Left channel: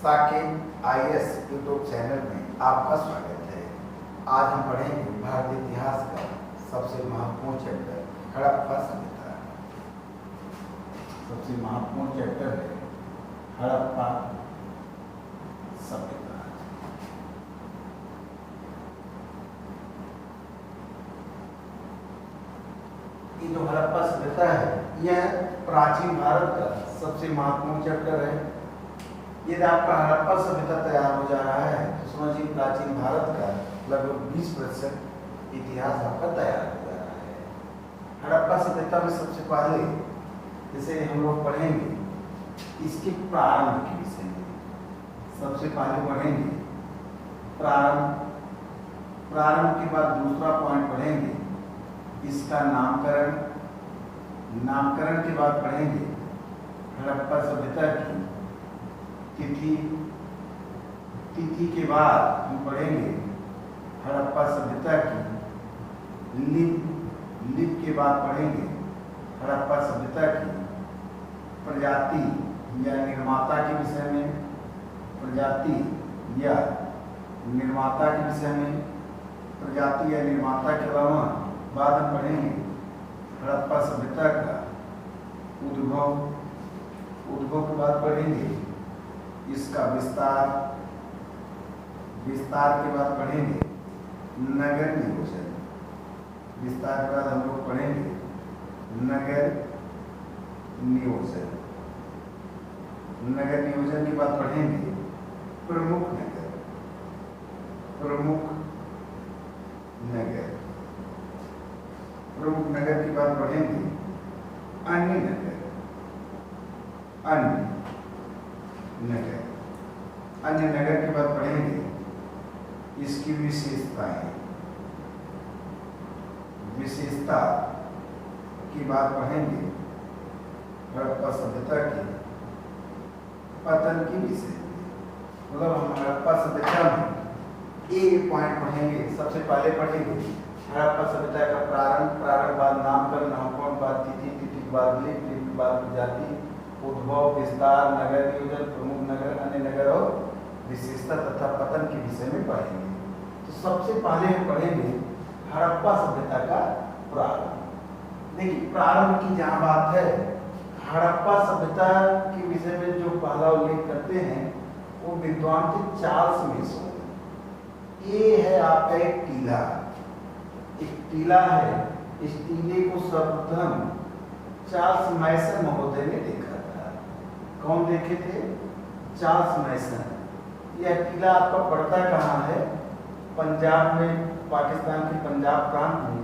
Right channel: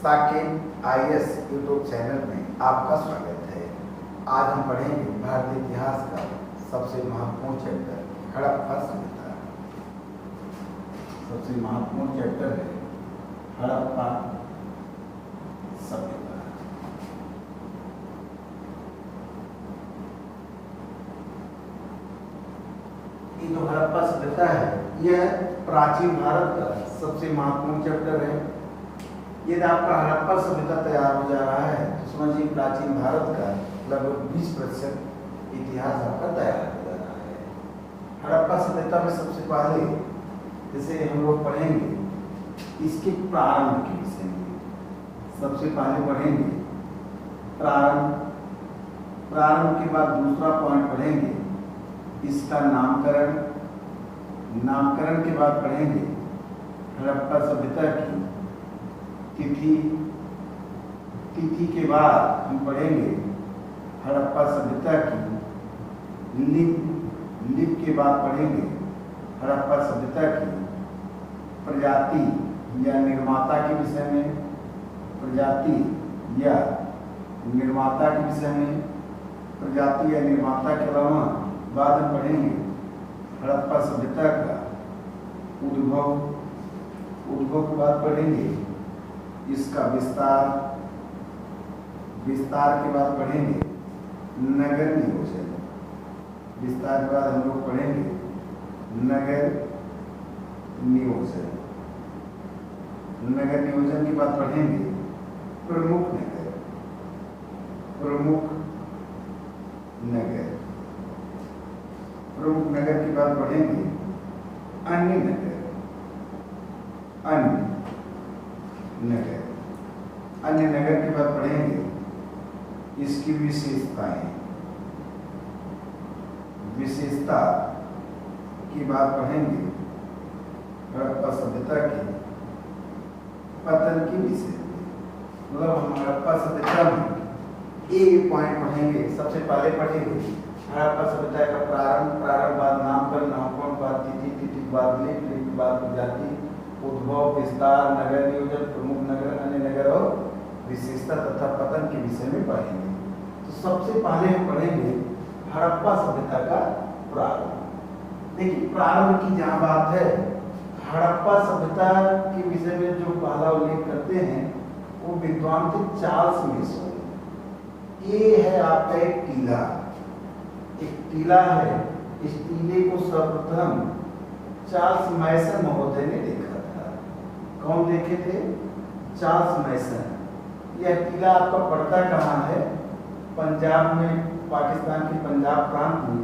Saket IAS YouTube channel में आपका स्वागत है। आज हम पढ़ेंगे भारतीय इतिहास का सबसे महत्वपूर्ण चैप्टर हड़प्पा सभ्यता। सबसे महत्वपूर्ण चैप्टर है हड़प्पा सभ्यता। ये जो हड़प्पा सभ्यता है यह प्राचीन भारत का सबसे महत्वपूर्ण चैप्टर है। यदि आपका हड़प्पा सभ्यता तैयार हो जा रहा है तो समझिए प्राचीन भारत का लगभग 20% इतिहास आपका तैयार हो जा रहा है। हड़प्पा सभ्यता में सबसे पहले जैसे हम लोग पढ़ेंगे इसके प्रारंभ के विषय में। सबसे पहले पढ़ेंगे प्रारंभ। प्रारंभ के बाद दूसरा पॉइंट पढ़ेंगे इसका नामकरण। नामकरण के बाद पढ़ेंगे हड़प्पा सभ्यता की तिथि। तिथि के बाद हम पढ़ेंगे हड़प्पा सभ्यता की लिप। लिप के बाद पढ़ेंगे हड़प्पा सभ्यता की प्रजाति या निर्माता के विषय में। प्रजाति या निर्माता के विषय में। प्रजाति या निर्माता के अलावा बाद में पढ़ेंगे हड़प्पा सभ्यता का उद्भव। उद्भव के बाद पढ़ेंगे इसका विस्तार। विस्तार के बाद पढ़ेंगे नगर नियोजन। विस्तार के बाद हम लोग पढ़ेंगे नगर नियोजन। नगर नियोजन के बाद पढ़ेंगे प्रमुख नगर। प्रमुख नगर। प्रमुख नगर के बाद पढ़ेंगे अन्य नगर। अन्य नगर। अन्य नगर के बाद पढ़ेंगे इसकी विशेषताएं। विशेषता की बात पढ़ेंगे हड़प्पा सभ्यता के पतन के विषय। मतलब हम हड़प्पा सभ्यता में एक पॉइंट पढ़ेंगे। सबसे पहले पढ़ेंगे हड़प्पा सभ्यता का प्रारंभ। प्रारंभ बाद नामकरण। नामकरण बाद तिथि। तिथि बाद लिप। लिप के बाद प्रजाति। उद्भव, विस्तार, नगर नियोजन, प्रमुख नगर, अन्य नगर और विशेषता तथा पतन के विषय में पढ़ेंगे। तो सबसे पहले हम पढ़ेंगे हड़प्पा सभ्यता का प्रारंभ। देखिए प्रारंभ की जहां बात है हड़प्पा सभ्यता के विषय में जो पहला उल्लेख करते हैं वो विद्वान थे चार्ल्स मेसन। ये है आपका एक टीला। एक टीला है। इस टीले को सर्वप्रथम चार्ल्स मेसन महोदय ने देखा। कौन देखे थे? Charles mason. यह टीला आपका पड़ता कहाँ है? पंजाब में, पाकिस्तान के पंजाब प्रांत में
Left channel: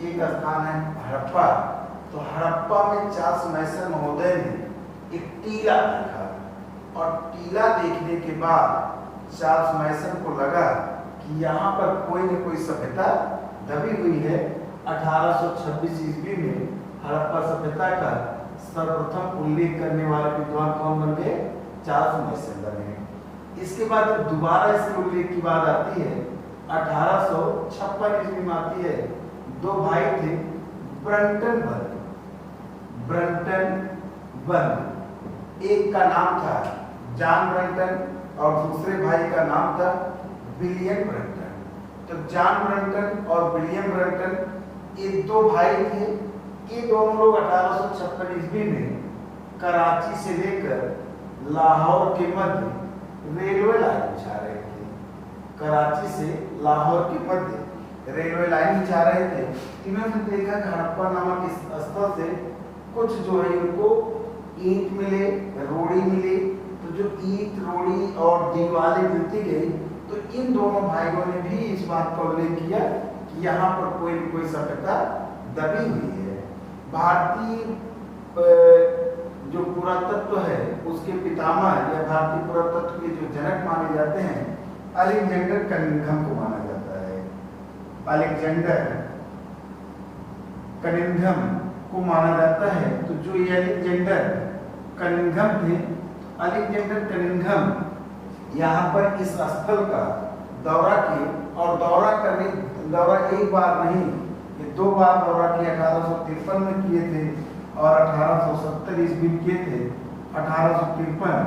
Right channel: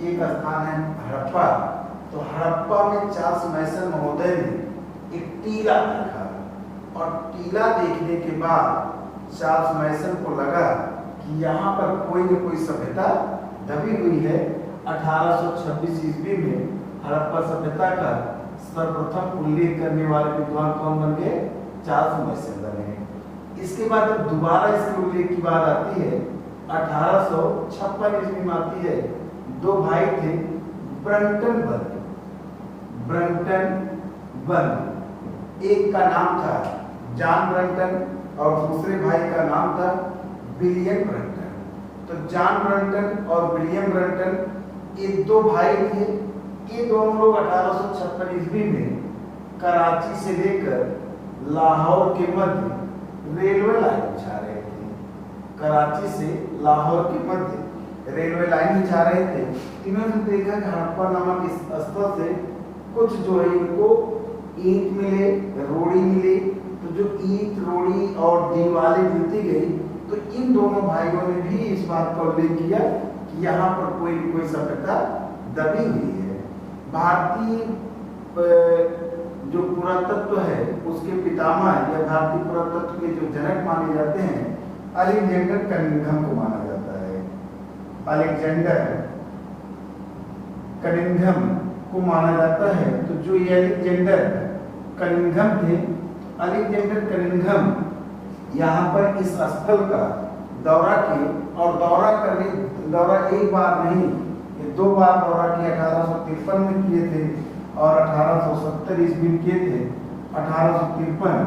एक स्थान है हड़प्पा। तो हड़प्पा में चार्ल्स मेसन महोदय ने एक टीला देखा और टीला देखने के बाद चार्ल्स मेसन को लगा कि यहाँ पर कोई न कोई सभ्यता दबी हुई है। 1826 ईस्वी में हड़प्पा सभ्यता का सर्वप्रथम उल्लेख करने वाले विद्वान कौन बन गए? चार्ल्स मेसन बने। इसके बाद जब दोबारा इसके उल्लेख की बात आती है 1856 ईस्वी में आती है। दो भाई थे ब्रंटन बर्न। Brunton burn. एक का नाम था जॉन ब्रंटन और दूसरे भाई का नाम था विलियम ब्रंटन। तो जॉन ब्रंटन और विलियम ब्रंटन ये दो भाई थे। ये दोनों लोग 1856 ईस्वी में कराची से लेकर लाहौर के मध्य रेलवे लाइन बिछा रहे थे। कराची से लाहौर के मध्य रेलवे लाइन बिछा रहे थे। इन्होंने देखा कि हड़प्पा नामक इस स्थल से कुछ जो है इनको ईंट मिले, रोड़ी मिले। तो जो ईंट, रोड़ी और दीवारें मिलती गई तो इन दोनों भाइयों ने भी इस बात का उल्लेख किया कि यहाँ पर कोई न कोई सभ्यता दबी हुई है। भारतीय जो पुरातत्व है उसके पितामह या भारतीय पुरातत्व के जो जनक माने जाते हैं अलेक्जेंडर कनिंघम को माना जाता है। अलेक्जेंडर कनिंघम को माना जाता है। तो जो ये अलेक्जेंडर कनिंघम थे, अलेक्जेंडर कनिंघम यहाँ पर इस स्थल का दौरा किए और दौरा एक बार नहीं, ये दो बार दौरा किया। 1853 में किए थे और 1870 ईस्वी में किए थे। 1853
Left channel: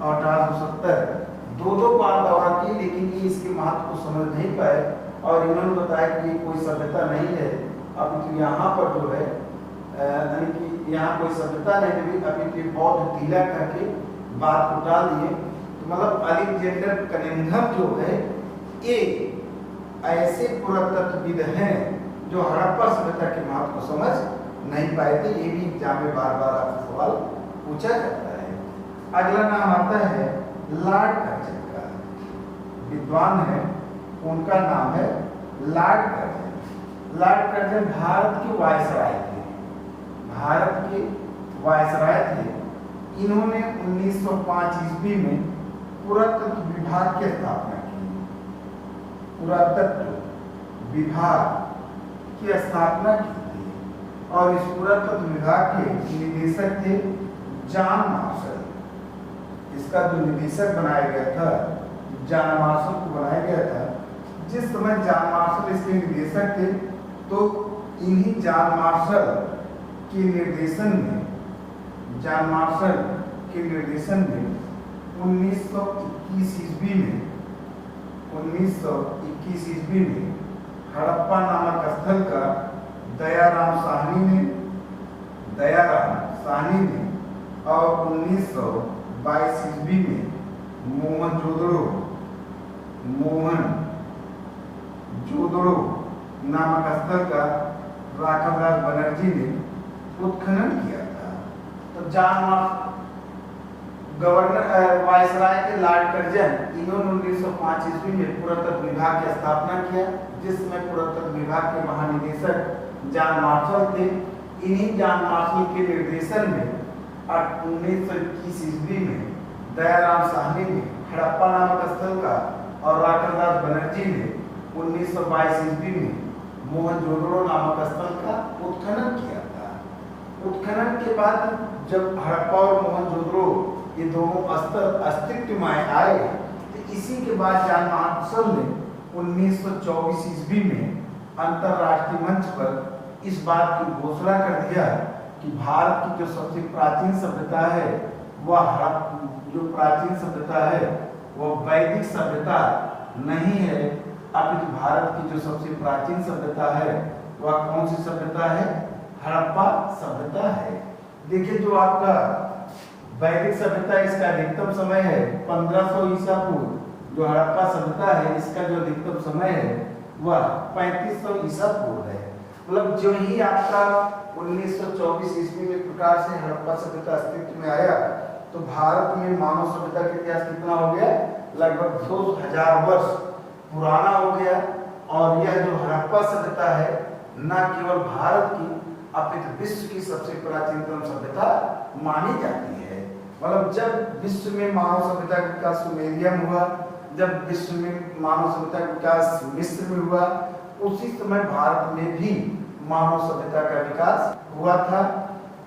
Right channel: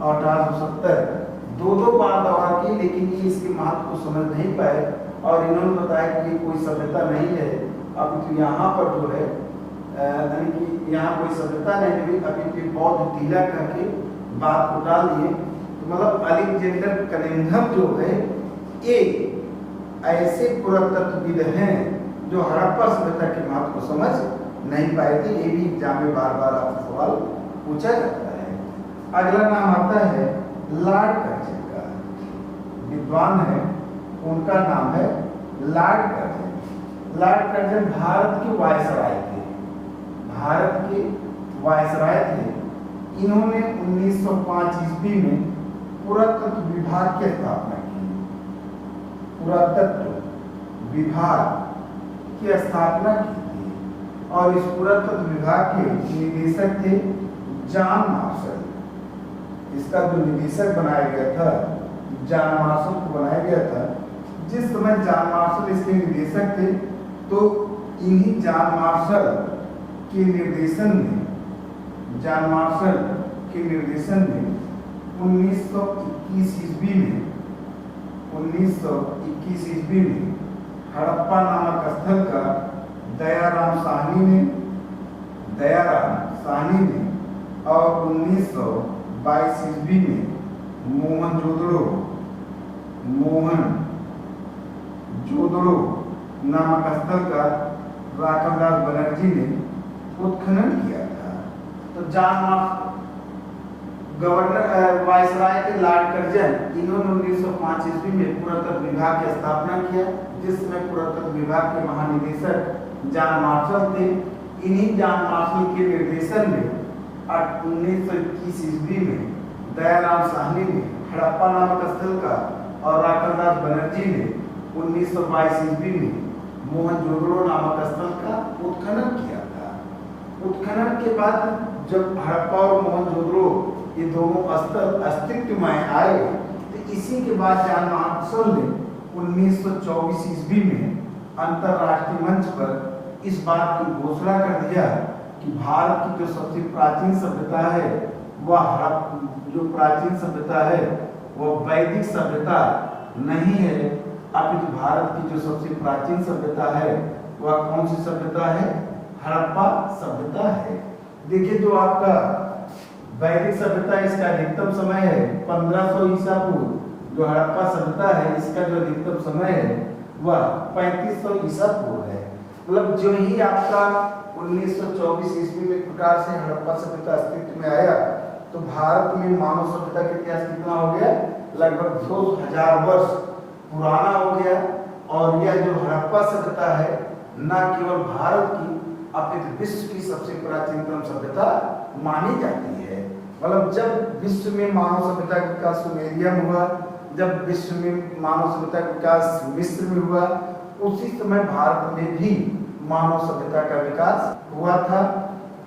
और 1870 दो बार दौरा की, लेकिन ये इसके महत्व को समझ नहीं पाए और इन्होंने बताया कि ये कोई सभ्यता नहीं है। अब तो यहाँ पर जो है यानी कि यहाँ कोई सभ्यता नहीं है, अभी तो बौद्ध टीला करके बात को डाल दिए। तो मतलब अलेक्जेंडर कनिंघम जो है ये ऐसे पुरातत्वविद हैं जो हड़प्पा सभ्यता के महत्व को समझ नहीं पाए थे। ये भी एग्जाम में बार बार आपसे सवाल पूछा जाता है। अगला नाम आता है लॉर्ड कर्जन का, विद्वान है, उनका नाम है Lord Curzon. Lord Curzon Bharat के वायसराय थे, भारत के वायसराय थे। इन्होंने 1905 ईस्वी में पुरातत्व विभाग की स्थापना की। पुरातत्व विभाग की स्थापना की थी और इस पुरातत्व विभाग के निदेशक थे जॉन मार्शल। इसका जो निदेशक बनाया गया था जॉन मार्शल को बनाया गया था। जिस समय जॉन मार्शल इसके निदेशक थे तो इन्हीं जॉन मार्शल के निर्देशन में 1921 ईस्वी में हड़प्पा नामक स्थल का दयाराम साहनी ने और 1922 ईस्वी में मोहनजोदड़ो नामक स्थल का राखलदास बनर्जी ने उत्खनन किया था। तो जॉन गवर्नर वायसराय के लॉर्ड कर्जन इन्होंने 1905 ईस्वी में पुरातत्व विभाग की स्थापना किया, जिसमें पुरातत्व विभाग के महानिदेशक जॉन मार्शल थे। इन्हीं जॉन मार्शल के निर्देशन में 1921 ईस्वी में दयाराम साहनी ने हड़प्पा नामक स्थल का और राखलदास बनर्जी ने 1922 ईस्वी में मोहनजोदड़ो नामक स्थल का उत्खनन किया था। उत्खनन के बाद जब हड़प्पा और मोहनजोदड़ो ये दोनों स्थल अस्तित्व में आए तो इसी के बाद जॉन मार्शल ने 1924 ईस्वी में अंतरराष्ट्रीय मंच पर इस बात की घोषणा कर दिया कि भारत की जो सबसे प्राचीन सभ्यता है वह वैदिक सभ्यता नहीं है। अब भारत की जो सबसे प्राचीन सभ्यता है वह कौन सी सभ्यता है? हड़प्पा सभ्यता है। देखिए जो आपका वैदिक सभ्यता इसका अधिकतम समय है 1500 ईसा पूर्व। जो हड़प्पा सभ्यता है इसका जो अधिकतम समय है वह 3500 ईसा पूर्व है। मतलब जो ही आपका 1924 ईस्वी में प्रकार से हड़प्पा सभ्यता अस्तित्व में आया तो भारत में मानव सभ्यता का इतिहास कितना हो गया? लगभग 2000 वर्ष पुराना हो गया। और यह जो हड़प्पा सभ्यता है न केवल भारत की अपितु विश्व की सबसे प्राचीनतम सभ्यता मानी जाती है। मतलब जब विश्व में मानव सभ्यता का विकास सुमेरिया में हुआ, जब विश्व में मानव सभ्यता का विकास मिस्र में हुआ, उसी समय भारत में भी मानव सभ्यता का विकास हुआ था।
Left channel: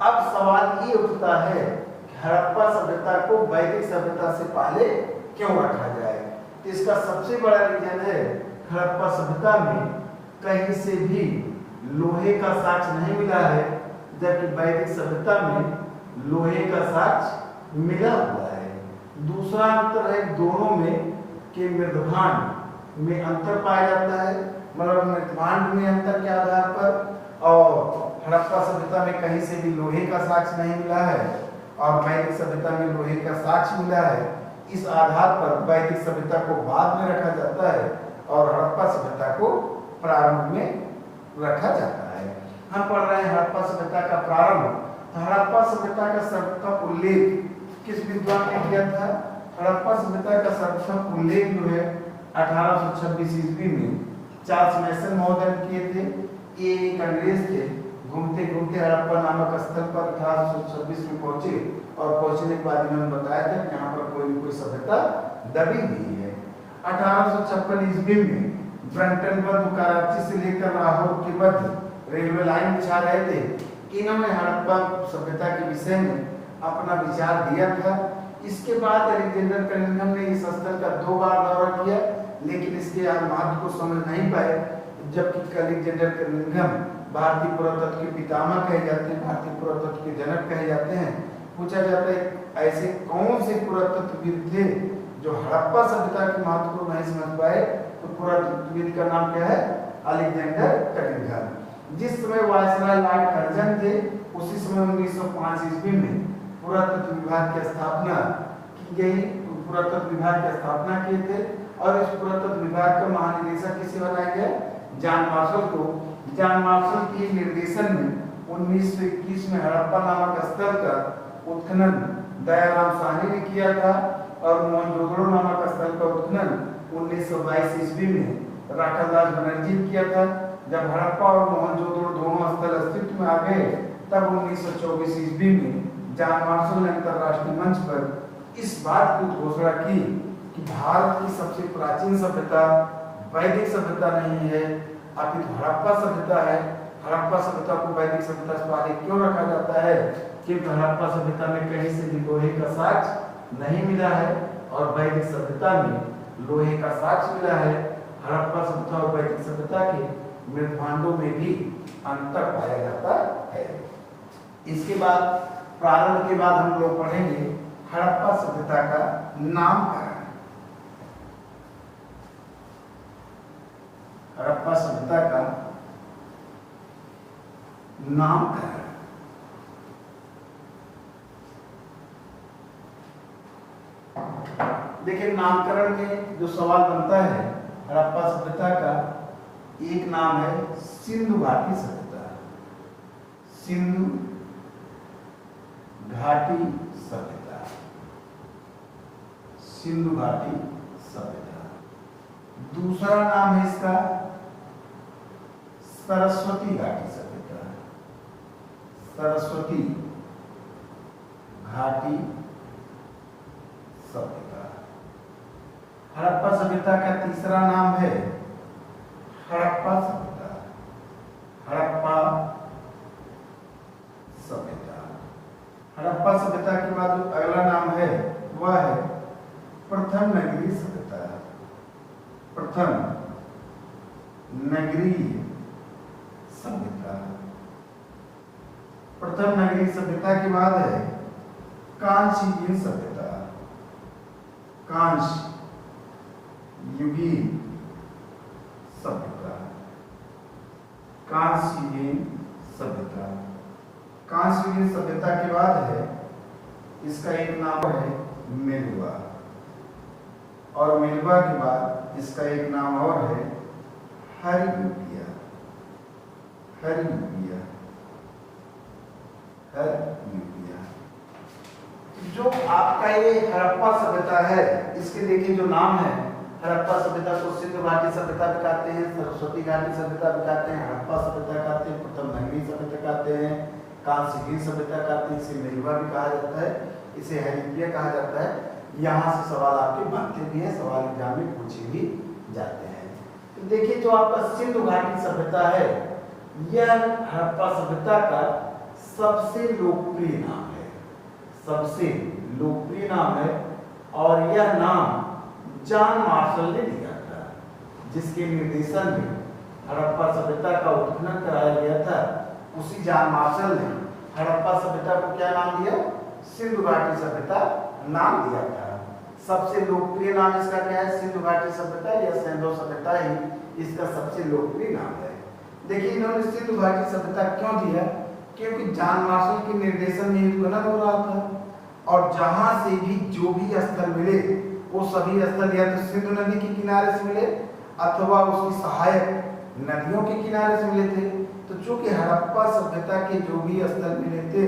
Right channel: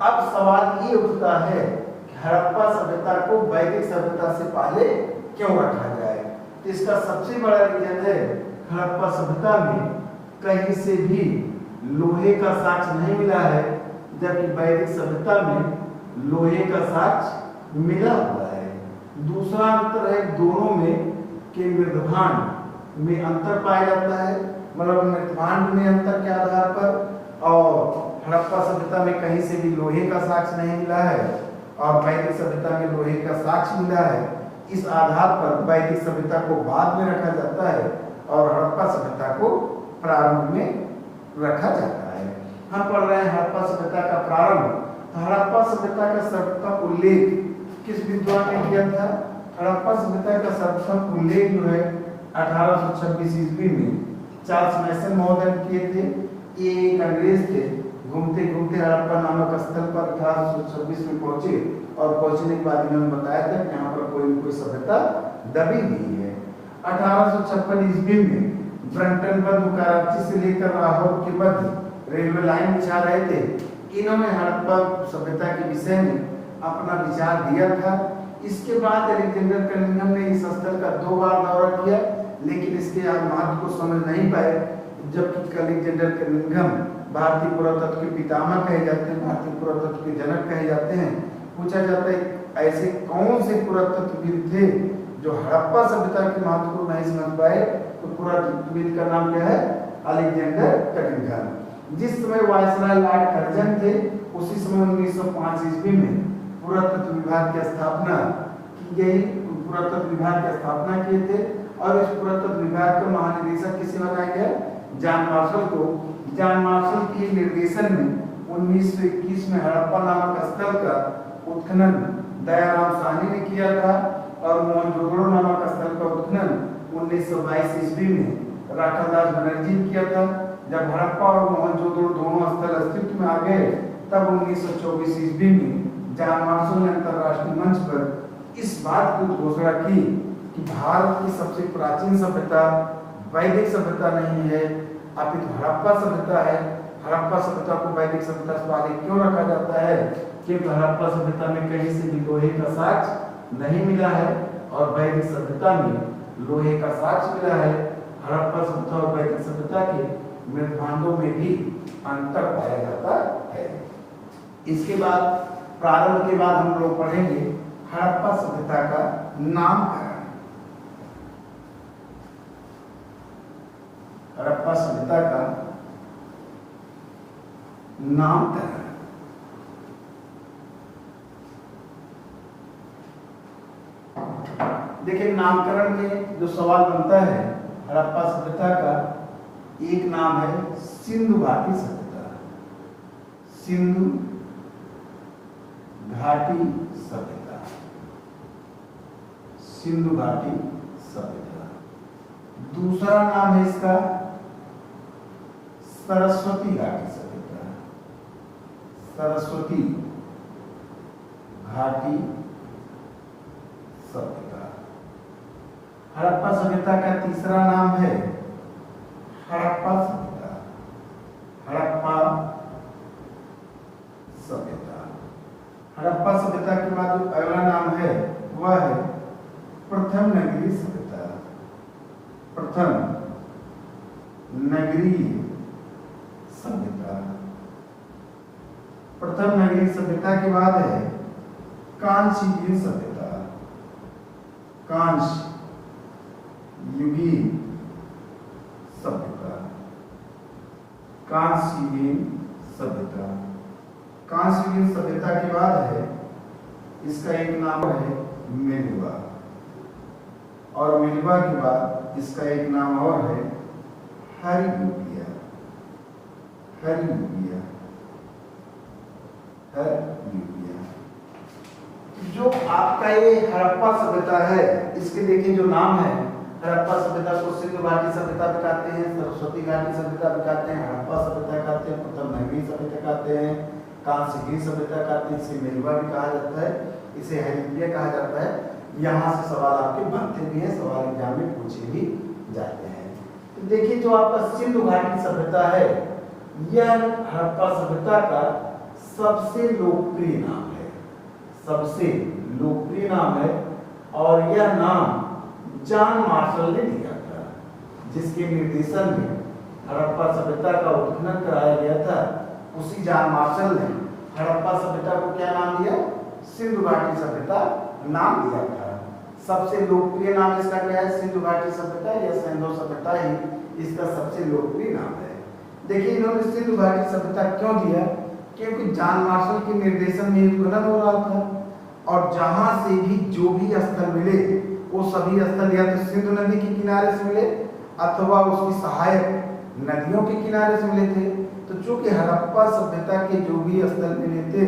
अब सवाल ये उठता है कि हड़प्पा सभ्यता को वैदिक सभ्यता से पहले क्यों रखा जाए? इसका सबसे बड़ा रीजन है हड़प्पा सभ्यता में कहीं से भी लोहे का साक्ष्य नहीं मिला है, जबकि वैदिक सभ्यता में लोहे का साक्ष्य मिला हुआ है। दूसरा अंतर है दोनों में कि मृदभांड में अंतर पाया जाता है। मतलब मृदभांड में अंतर के आधार पर और हड़प्पा सभ्यता में कहीं से भी लोहे का साक्ष्य नहीं मिला है और वैदिक सभ्यता में लोहे का साक्ष्य मिला है। इस आधार पर वैदिक सभ्यता को बाद में रखा जाता है और हड़प्पा सभ्यता को प्रारंभ में रखा जाता है। हम पढ़ रहे हैं हड़प्पा सभ्यता का प्रारंभ। हड़प्पा सभ्यता का सर्वप्रथम उल्लेख किस विद्वान ने किया था? हड़प्पा सभ्यता का सर्वप्रथम उल्लेख जो है 1826 ईस्वी में चार्ल्स मैसन महोदय किए थे। ये एक अंग्रेज थे, घूमते घूमते हड़प्पा नामक स्थल पर 1826 में पहुंचे और पहुंचने के बाद इन्होंने बताया था कि यहाँ पर कोई सभ्यता दबी हुई है। 1856 ईस्वी में ब्रंटनबर्ग कराची से लेकर लाहौर के मध्य रेलवे लाइन बिछा रहे थे। इन्होंने हड़प्पा सभ्यता के विषय में अपना विचार दिया था। इसके बाद अलेक्जेंडर कनिंघम ने इस स्थल का 2 बार दौरा किया, लेकिन इसके महत्व को समझ नहीं पाए। जबकि अलेक्जेंडर कनिंघम भारतीय पुरातत्व के पितामह कहे जाते हैं, भारतीय पुरातत्व के जनक कहे जाते हैं, पूछा जाता है ऐसे कौन से पुरातत्वविद थे जो हड़प्पा सभ्यता के महत्व को नहीं समझ पाए, तो पुरातत्वविद का नाम क्या है? Alexander Cunningham. जिस समय वायसराय लॉर्ड कर्जन थे उसी समय 1905 ईस्वी में पुरातत्व विभाग की स्थापना की गई। पुरातत्व विभाग की स्थापना किए थे और इस पुरातत्व विभाग का महानिदेशक किसे बनाया गया? जॉन मार्शल को। जॉन मार्शल के निर्देशन में 1921 में हड़प्पा नामक स्थल का उत्खनन दयाराम साहनी ने किया था और मोहनजोदड़ो नामक स्थल का उत्खनन 1922 ईस्वी में राखालदास बनर्जी ने किया था। जब हड़प्पा और मोहनजोदड़ो दोनों स्थल अस्तित्व में आ गए तब 1924 ईस्वी में जॉन मार्शल ने अंतरराष्ट्रीय मंच पर इस बात की घोषणा की कि भारत की सबसे प्राचीन सभ्यता वैदिक सभ्यता नहीं है, अपितु हड़प्पा सभ्यता है। हड़प्पा सभ्यता को वैदिक सभ्यता से पहले क्यों रखा जाता है? क्योंकि हड़प्पा सभ्यता में कहीं से भी लोहे का साक्ष्य नहीं मिला है और वैदिक सभ्यता में लोहे का साक्ष्य मिला है। हड़प्पा सभ्यता और वैदिक सभ्यता के मृदभांडों में भी अंतर पाया जाता है। इसके बाद प्रारंभ के बाद हम लोग पढ़ेंगे हड़प्पा सभ्यता का नामकरण। हड़प्पा सभ्यता का नामकरण। देखिए नामकरण में जो सवाल बनता है हड़प्पा सभ्यता का, एक नाम है सिंधु घाटी सभ्यता। सिंधु घाटी सभ्यता। सिंधु घाटी सभ्यता। दूसरा नाम है इसका सरस्वती घाटी सभ्यता। सरस्वती घाटी सभ्यता। हड़प्पा सभ्यता का तीसरा नाम है हड़प्पा सभ्यता। हड़प्पा सभ्यता। हड़प्पा सभ्यता के बाद जो अगला नाम है वह है प्रथम नगरीय सभ्यता। प्रथम नगरीय सभ्यता। प्रथम नगरीय सभ्यता के बाद है कांस्य युगीन सभ्यता। कांस्य युगीन सभ्यता। कांस्य युगीन सभ्यता। कांस्य युगीन सभ्यता के बाद है इसका एक नाम है मेलुआ और मेलुआ के बाद इसका एक नाम और है हरियुगिया। हरियुगिया। हरियुगिया। जो आपका ये हड़प्पा सभ्यता है इसके देखिए जो नाम है, हड़प्पा सभ्यता को सिंधु घाटी सभ्यता भी कहते हैं, सरस्वती घाटी सभ्यता भी कहते हैं, हड़प्पा सभ्यता कहते हैं, प्रथम नगरीय सभ्यता कहते हैं, कांस्य युगीन सभ्यता कहते हैं, इसे मेलुआ भी कहा जाता है, इसे हरियुगिया कहा जाता है। यहाँ से सवाल आपके बनते भी हैं, सवाल एग्जाम में पूछे भी जाते हैं। तो देखिए जो आपका सिंधु घाटी सभ्यता है यह हड़प्पा सभ्यता का सबसे लोकप्रिय नाम है। सबसे लोकप्रिय नाम है और यह नाम जॉन मार्शल ने दिया था, जिसके निर्देशन में हड़प्पा सभ्यता का उत्खनन कराया गया था। उसी जॉन मार्शल ने हड़प्पा सभ्यता को क्या नाम दिया? सिंधु घाटी सभ्यता नाम दिया था। सबसे लोकप्रिय नाम इसका क्या है? सिंधु घाटी सभ्यता या सिंधु सभ्यता ही इसका सबसे लोकप्रिय नाम है। देखिए इन्होंने सिंधु घाटी सभ्यता क्यों दिया? क्योंकि जॉन मार्शल के निर्देशन में उत्खनन हो रहा था और जहां से भी जो भी स्थल मिले वो सभी स्थल या तो सिंधु नदी के किनारे से मिले अथवा उसकी सहायक नदियों के किनारे से मिले थे। तो चूंकि हड़प्पा सभ्यता के जो भी स्थल मिले थे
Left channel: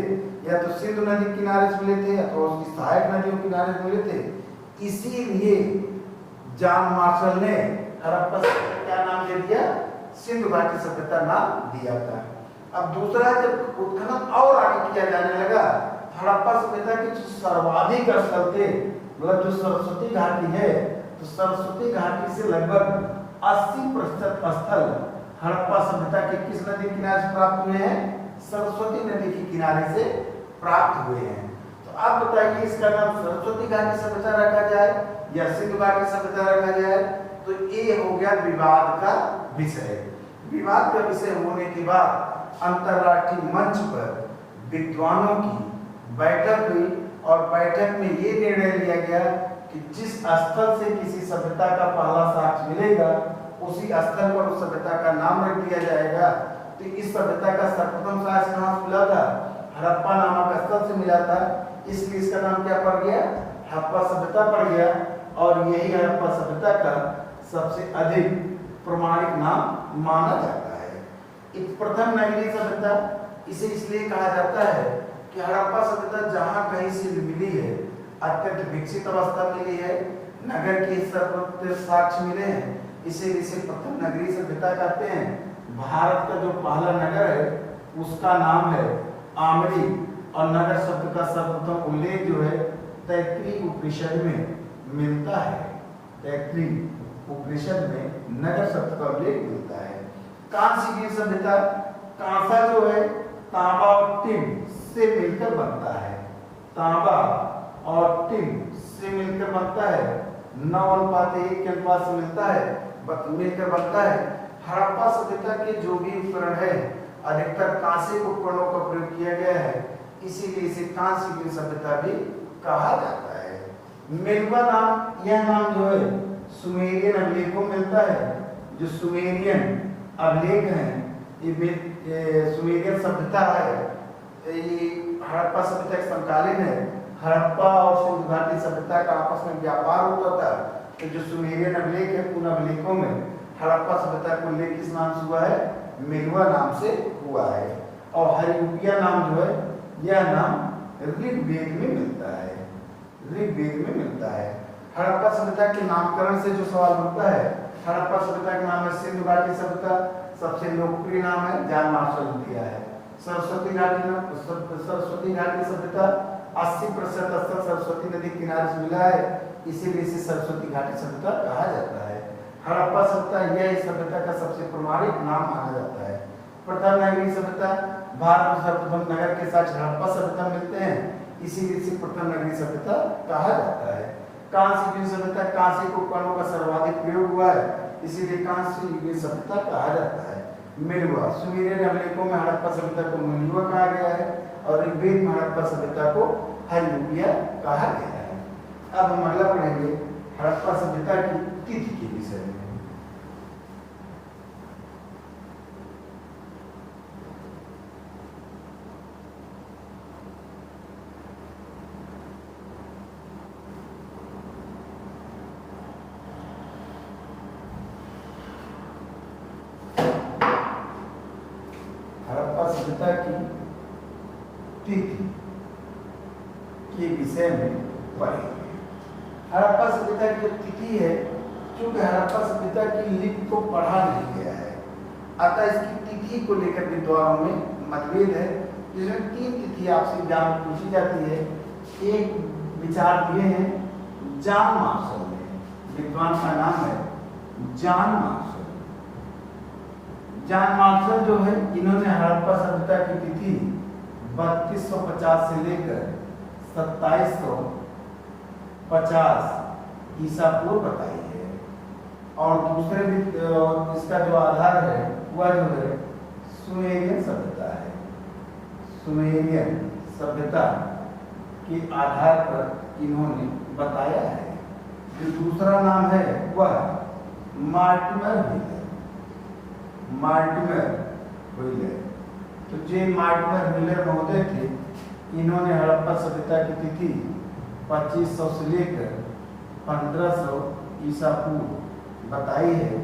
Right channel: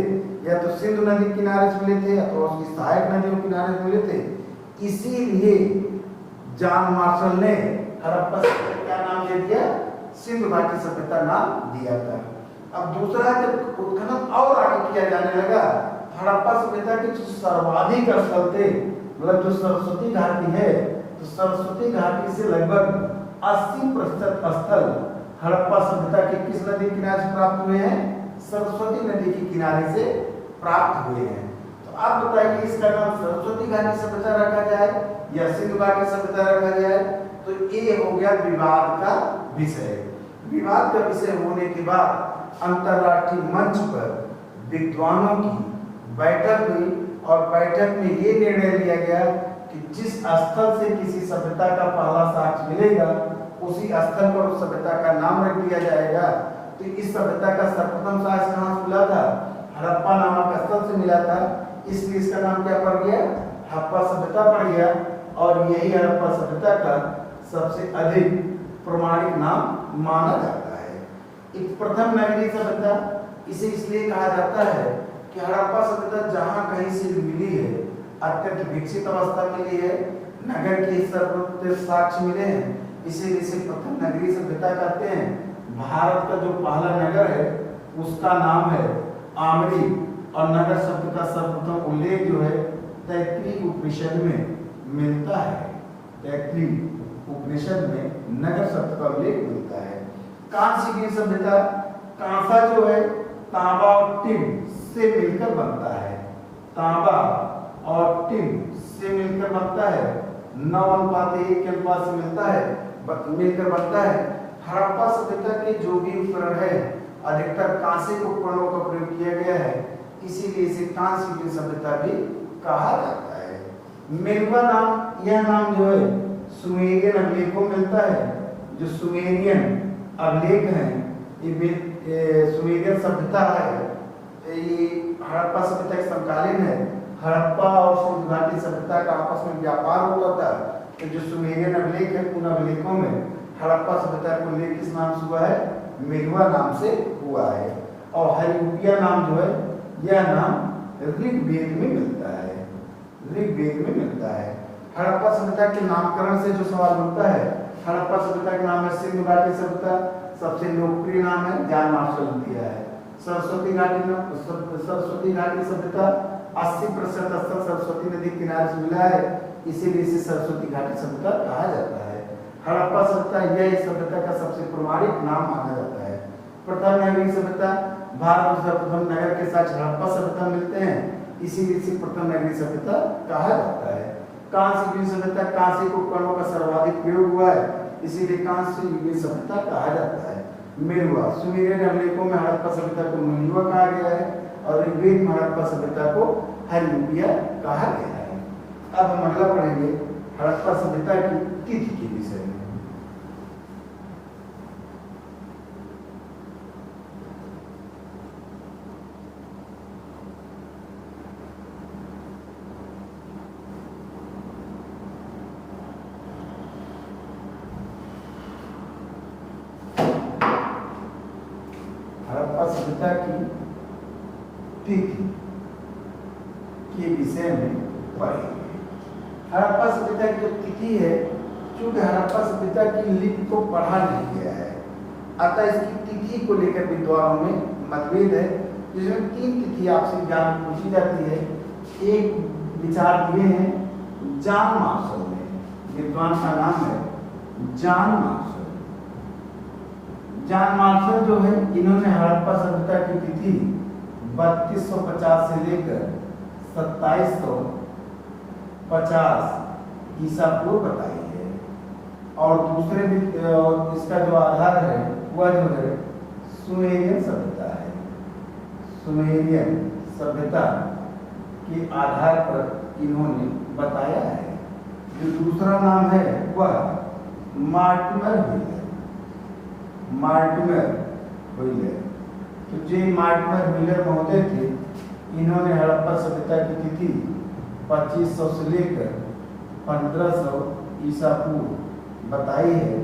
या तो सिंधु नदी किनारे से मिले थे अथवा उसकी सहायक नदियों के किनारे से मिले थे, इसीलिए जॉन मार्शल ने हड़प्पा सभ्यता क्या नाम दे दिया? सिंधु घाटी सभ्यता नाम दिया था। अब दूसरा जब उत्खनन और आगे किया जाने लगा, हड़प्पा सभ्यता के जो सर्वाधिक स्थल थे, मतलब जो सरस्वती घाटी है, तो सरस्वती घाटी से लगभग 80% स्थल हड़प्पा सभ्यता के किस नदी किनारे से प्राप्त हुए हैं? सरस्वती नदी के किनारे से प्राप्त हुए हैं। तो आप बताइए इसका नाम सरस्वती घाटी सभ्यता रखा जाए या सिंधु घाटी सभ्यता रखा जाए? तो ये हो गया विवाद का विषय। विवाद का विषय होने के बाद अंतरराष्ट्रीय मंच पर विद्वानों की बैठक हुई और बैठक में ये निर्णय लिया गया कि जिस स्थल से किसी सभ्यता का पहला साक्ष्य मिलेगा उसी स्थल पर उस सभ्यता का नाम रख दिया जाएगा। तो इस सभ्यता का सर्वप्रथम साक्ष्य कहाँ से मिला था? हड़प्पा नामक स्थल से मिला था, इसलिए इसका नाम क्या पड़ गया? हड़प्पा सभ्यता पड़ गया। और यही हड़प्पा सभ्यता का सबसे अधिक प्रमाणिक नाम माना जाता है। एक प्रथम नगरीय सभ्यता, इसे इसलिए कहा जाता है कि हड़प्पा सभ्यता जहां कहीं से भी मिली है, अत्यंत विकसित अवस्था मिली है, नगर के सर्वोत्तम साक्ष्य मिले हैं, इसीलिए इसे प्रथम नगरीय सभ्यता कहते हैं। भारत का जो पहला नगर है उसका नाम है आमरी और नगर शब्द का सर्वप्रथम उल्लेख जो है तैत्तिरीय उपनिषद में मिलता है। तैत्तिरीय उपनिषद में नगर शब्द का उल्लेख मिलता है। कांस्य सभ्यता, कांसा जो है तांबा और टिन से मिलकर बनता है। तांबा और टिन से मिलकर बनता है, 9:1 के अनुपात से मिलकर बनता है। हड़प्पा सभ्यता के जो भी उपकरण है अधिकतर कांसे के उपकरणों का प्रयोग किया गया है, इसीलिए इसे कांस्य सभ्यता भी कहा जाता है। मेरुआ नाम, यह नाम जो है सुमेरियन अभिलेखों में मिलता है। जो सुमेरियन अभिलेख हैं ये सुमेरियन सभ्यता है, ये हड़प्पा सभ्यता के समकालीन है। हड़प्पा और सिंधु घाटी सभ्यता का आपस में व्यापार होता था, तो जो सुमेरियन अभिलेख है उन अभिलेखों में हड़प्पा सभ्यता का उल्लेख किस नाम से हुआ है? मेरुआ नाम से हुआ है। और हरियूपिया नाम जो है यह नाम ऋग्वेद में मिलता है, ऋग्वेद में मिलता है। हड़प्पा सभ्यता के नामकरण से जो सवाल उठता है, हड़प्पा सभ्यता का नाम है सिंधु घाटी सभ्यता, सबसे लोकप्रिय नाम है जॉन मार्शल ने दिया है। सरस्वती घाटी सभ्यता 80% स्थल सरस्वती नदी किनारे से मिला है, इसीलिए इसे सरस्वती घाटी सभ्यता कहा जाता है। हड़प्पा सभ्यता यह सभ्यता का सबसे प्रमाणिक नाम माना जाता है। प्रथम नगरीय सभ्यता, भारत में सर्वप्रथम नगर के साथ हड़प्पा सभ्यता मिलते हैं, इसीलिए इसे प्रथम नगरीय सभ्यता कहा जाता है। कांस्य सभ्यता, कांस्य के उपकरणों का सर्वाधिक प्रयोग हुआ है, इसीलिए कांस्य सभ्यता कहा जाता है। मेरुआ, सुमेरियन अभिलेखों में हड़प्पा सभ्यता को मेरुआ कहा गया है और ऋग्वेद में हड़प्पा सभ्यता को हरियूपिया कहा गया है। अब हम अगला पढ़ेंगे हड़प्पा सभ्यता की तिथि के विषय में। सभ्यता की तिथि के विषय में पढ़ेंगे। हड़प्पा सभ्यता की जो तिथि है, चूंकि हड़प्पा सभ्यता की लिपि को पढ़ा नहीं गया है, अतः इसकी तिथि को लेकर विद्वानों में मतभेद है, जिसमें 3 तिथि आपसे एग्जाम में पूछी जाती है। एक विचार दिए हैं जॉन मार्शल ने, विद्वान का नाम है जॉन मार्शल। जॉन मार्शल जो है, इन्होंने हड़प्पा सभ्यता की तिथि 3250 से लेकर 2750 ईसा पूर्व बताई है। और दूसरे इसका जो आधार है वह जो है सुमेरियन सभ्यता है। सुमेरियन सभ्यता के आधार पर इन्होंने बताया है। जो दूसरा नाम है वह मार्टिमर है, मार्टिमर व्हीलर। तो जे मार्टिमर व्हीलर महोदय थे, इन्होंने हड़प्पा सभ्यता की तिथि 2500 से लेकर 1500 ईसा पूर्व बताई है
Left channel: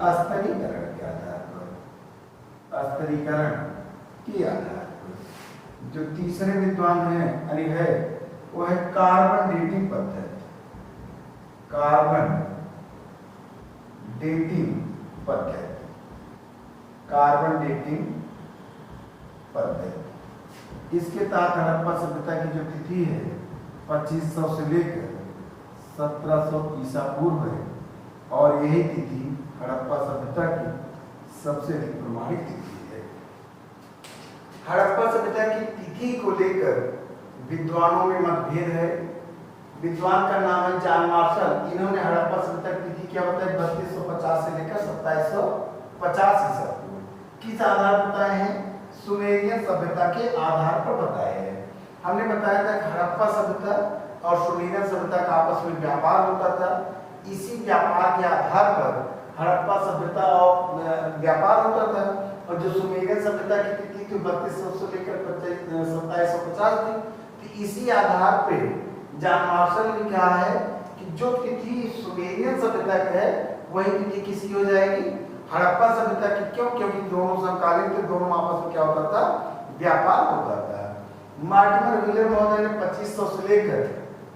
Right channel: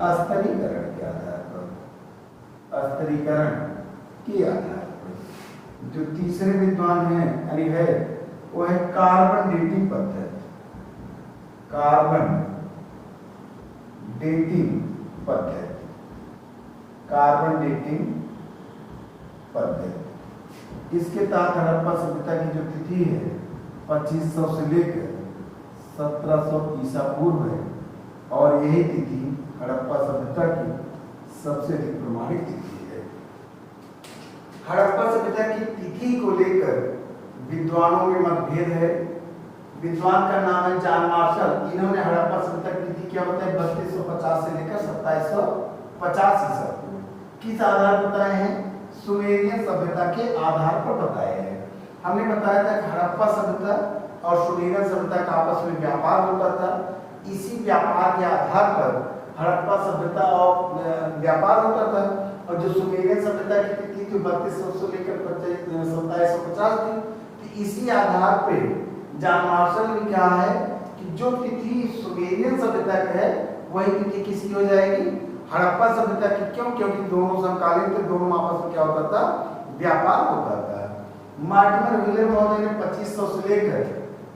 स्तरीकरण के आधार पर, स्तरीकरण के आधार पर। जो तीसरे विद्वान है वो है कार्बन डेटिंग पद्धति, कार्बन डेटिंग पद्धति, कार्बन डेटिंग पद्धति। इसके तहत हड़प्पा सभ्यता की जो तिथि है 2500 से लेकर 1700 ईसा पूर्व है, और यही तिथि हड़प्पा सभ्यता की सबसे अधिक प्रमाणिक तिथि है। हड़प्पा सभ्यता की तिथि को लेकर विद्वानों में मतभेद है। विद्वान का नाम है जॉन मार्शल। इन्होंने हड़प्पा सभ्यता की तिथि क्या बताया? 3250 से लेकर 2750 ईसा पूर्व। किस आधार पर बताए हैं? सुमेरियन सभ्यता के आधार पर बताए हैं। हमने बताया था कि हड़प्पा सभ्यता और सुमेरियन सभ्यता का आपस में व्यापार होता था। इसी व्यापार के आधार पर हड़प्पा सभ्यता और व्यापार होता था, और जो सुमेरियन सभ्यता की तिथि थी 3200 से लेकर 2750 थी। तो इसी आधार पे जॉन मार्शल ने कहा है कि जो तिथि सुमेरियन सभ्यता की है वही तिथि किसी हो जाएगी, हड़प्पा सभ्यता की। क्यों? क्योंकि दोनों समकालीन थे, दोनों आपस में क्या होता था, व्यापार होता था। मार्टिमर व्हीलर महोदय ने 2500 से लेकर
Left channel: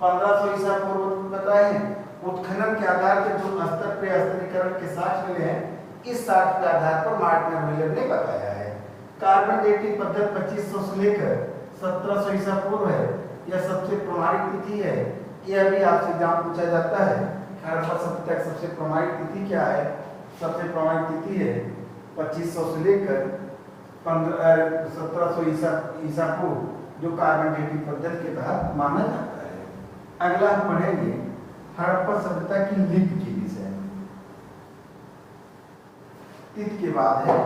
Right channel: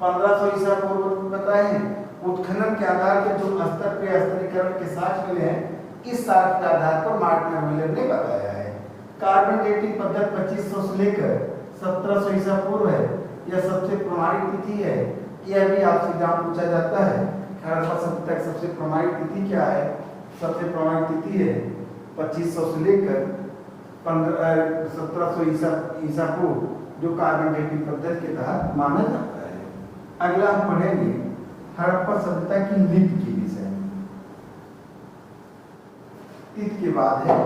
1500 ईसा पूर्व बताए हैं। उत्खनन के आधार पर जो स्तर पे स्तरीकरण के साक्ष्य मिले हैं, इस साक्ष्य के आधार पर मार्टिमर व्हीलर ने बताया है। कार्बन डेटिंग पद्धति 2500 से लेकर 1700 ईसा पूर्व है, यह सबसे प्रमाणित तिथि है। यह भी आपसे जहाँ पूछा जाता है हड़प्पा सभ्यता की सबसे प्रमाणित तिथि क्या है, सबसे प्रमाणित तिथि है 2500 से लेकर 1700 ईसा पूर्व, जो कार्बन डेटिंग पद्धति के तहत माना जाता है। अगला हम पढ़ेंगे हड़प्पा सभ्यता की लिपि के विषय में। इसके बाद है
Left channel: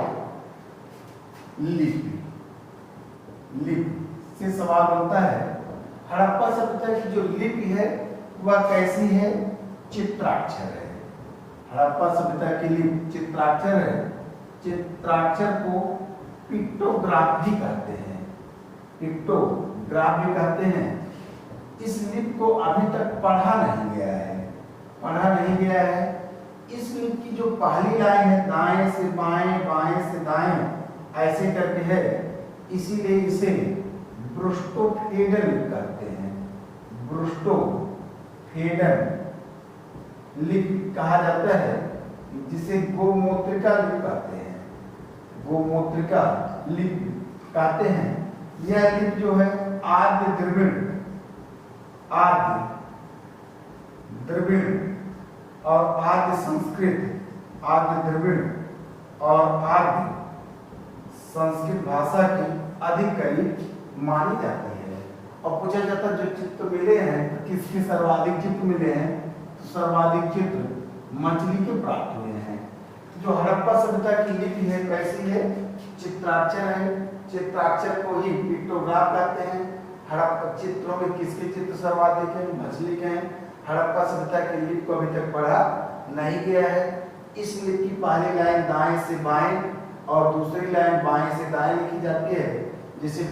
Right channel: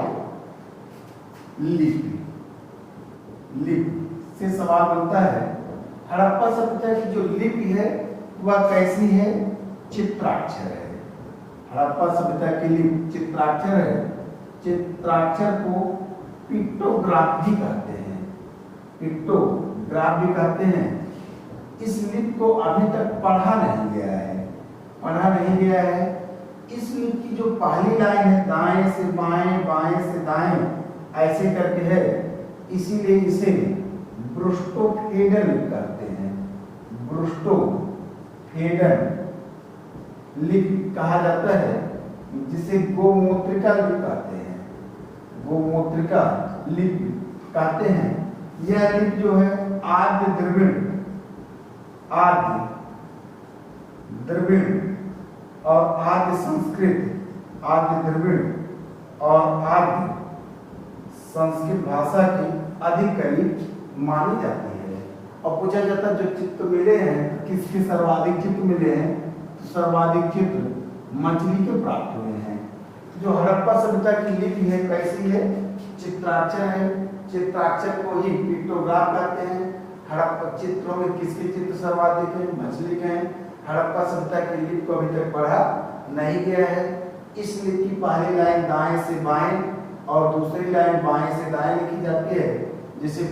लिपि। लिपि से सवाल बनता है हड़प्पा सभ्यता की जो लिपि है वह कैसी है, चित्राक्षर है। हड़प्पा सभ्यता की लिपि चित्राक्षर है। चित्राक्षर को पिक्टोग्राफ भी कहते हैं, पिक्टोग्राफ भी कहते हैं। इस लिपि को अभी तक पढ़ा नहीं गया है, पढ़ा नहीं गया है। इस लिपि की जो पहली लाइन है दाएं से बाएं, बाएं से दाएं ऐसे करके है, इसीलिए इसे ब्रुस्टोफेडन कहते हैं। ब्रुस्टोफेडन लिपि कहा जाता है, जिसे गोमूत्रिका लिपि कहते हैं, गोमूत्रिका लिपि कहते हैं। यह लिपि जो है आद्य द्रविड़, आद्य द्रविड़ और आद्य संस्कृत, आद्य द्रविड़ और आद्य संस्कृत भाषा की अधिक करीब मानी जाती है। और पूछा जाता जो चित्र मिले हैं तो किसके सर्वाधिक चित्र मिले हैं, सर्वाधिक चित्र मछली के प्राप्त हुए हैं। जो हड़प्पा सभ्यता की लिपि है कैसी है, चित्राक्षर है। चित्राक्षर को ही पिक्टोग्राफ कहते हैं। हड़प्पा चित्रों में किसके चित्र सर्वाधिक है, मछली के हैं। हड़प्पा सभ्यता की लिपि को अभी तक पढ़ा नहीं गया है। इस लिपि की पहली लाइन दाएं से बाएं और दूसरी लाइन बाएं से दाएं लिखी जाती है, जिसे